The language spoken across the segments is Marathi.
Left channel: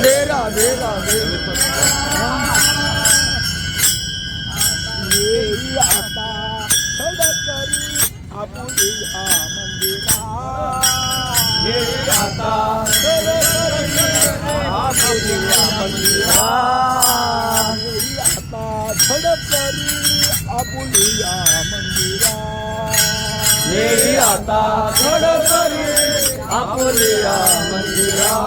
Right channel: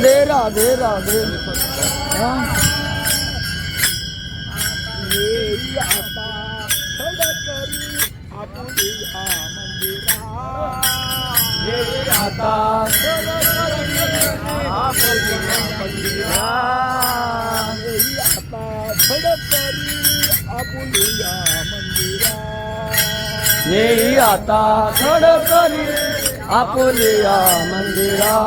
राधे राधे राधे. येई आता सडकरी आपुलिया मंदिरा. येई आता सडकरी आपुलिया मंदिरा. येई आता सडकरी आपुलिया मंदिरा. येई आता सडकरी आपुलिया मंदिरा.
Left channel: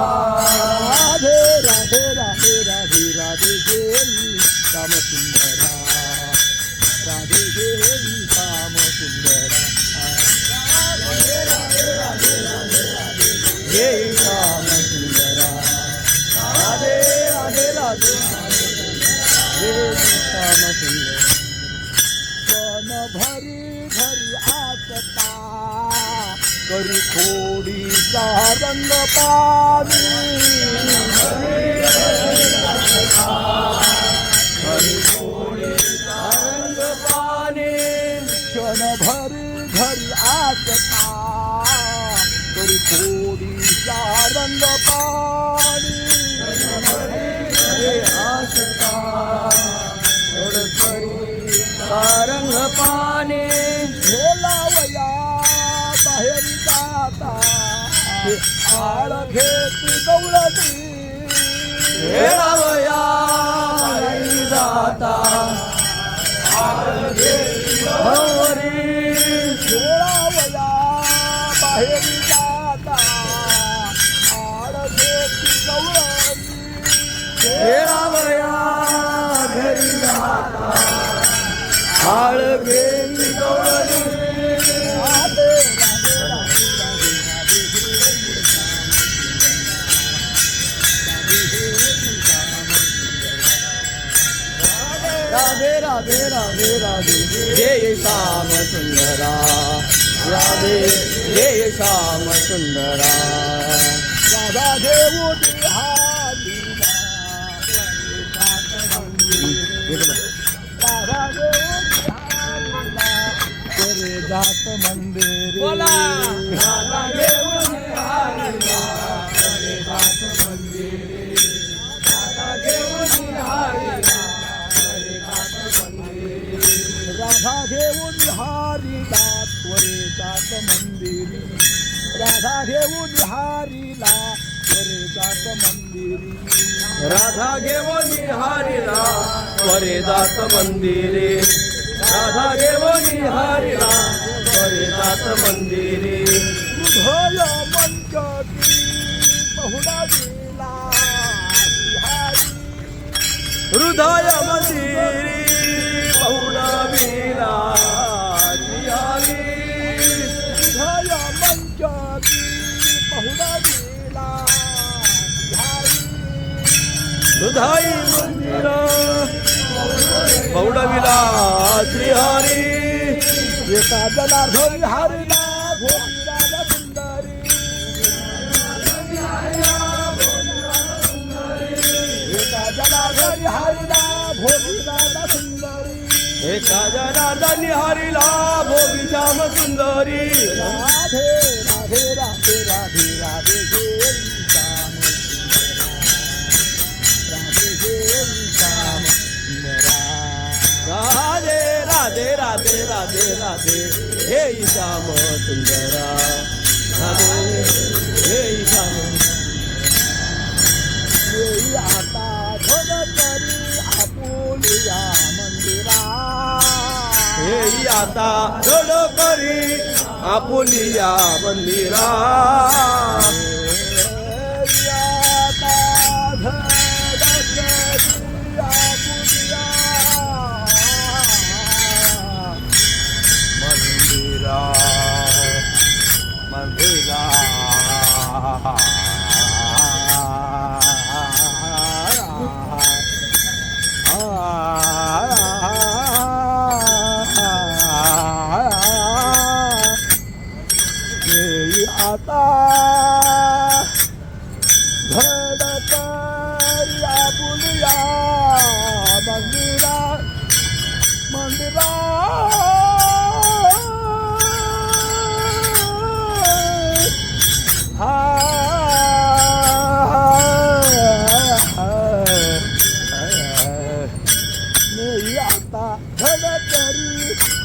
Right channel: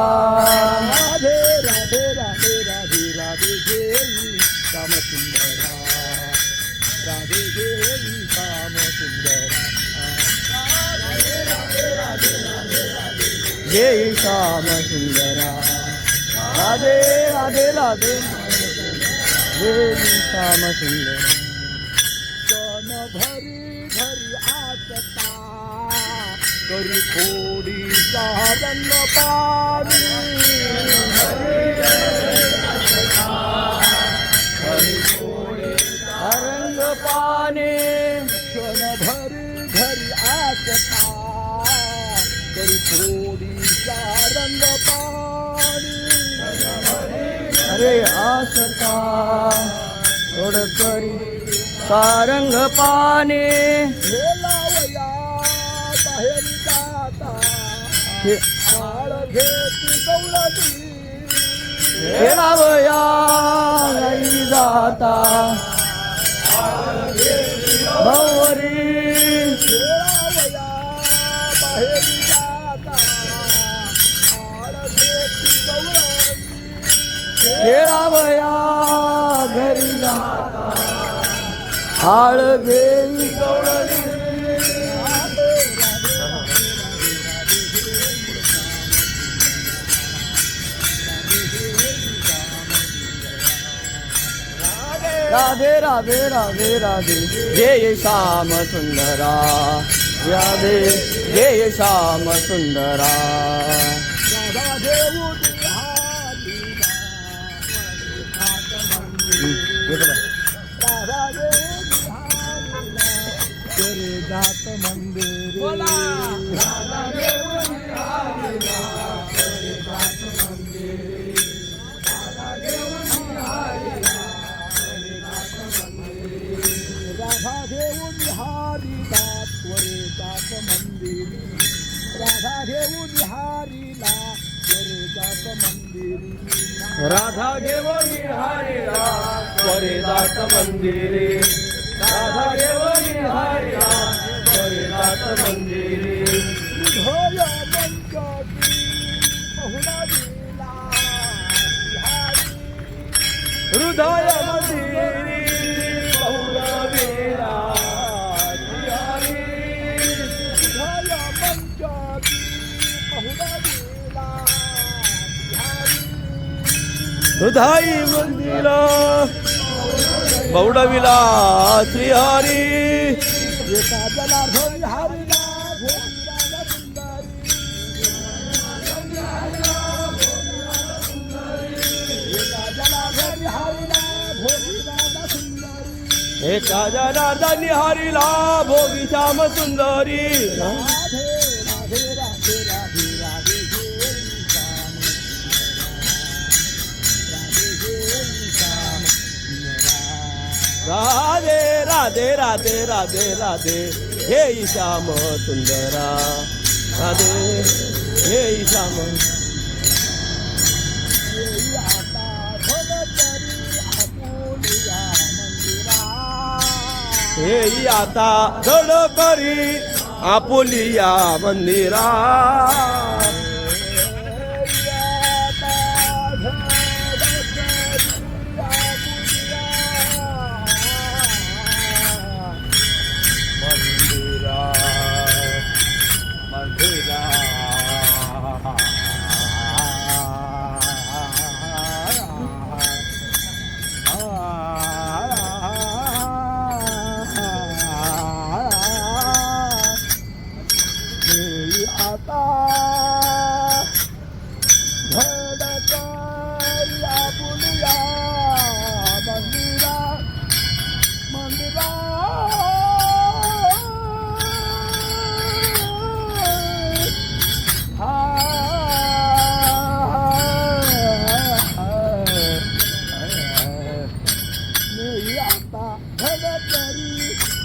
श्याम सुंदरा राधे देई श्याम सुंदरा हे श्याम सुंदरा राधे राधे राधे हे श्याम सुंदरा सन भरी भरी आसता करी खोडीचा रंग पाणी करी खोडीचा रंग आसता करी खोडीचा रंग पाणी आसता पाने लावया बाहेर जाता आळ घेत गौरी हे बाहेर जाता आळ घेत घरी जाता हाळ घेई राधे राधे राधे राधे जय श्याम सुंदरा। राधे जय श्याम सुंदरा। राधा देव राधा देव करे जात मंदिर राधा घेऊन हरिला त्वरे जात मंदिरी. राधा घेऊन हरिला त्वरे जात मंदिरी. राधा घेऊन हारिला त्वरे जात मंदिरे. राधा घेऊन हारिला त्वरे जात मंदिरे. हृदय मंचकी बहुडा दिला हृदय मंदिरी. दुधाई विला बौडविला श्रीहारी मंचकी बहुडा दिला बिहारी हृदय जनार्दन हरिला सुंदरी एका जनार्दनी हरिला भोगी श्याम सुंदरी राधे राधे राधे राधे राधे हे राधे हे राधे राधे राधे राधे राधे हे श्याम सुंदरा राधे हे श्याम हे आता गडकरी आपुलिया मंदिरा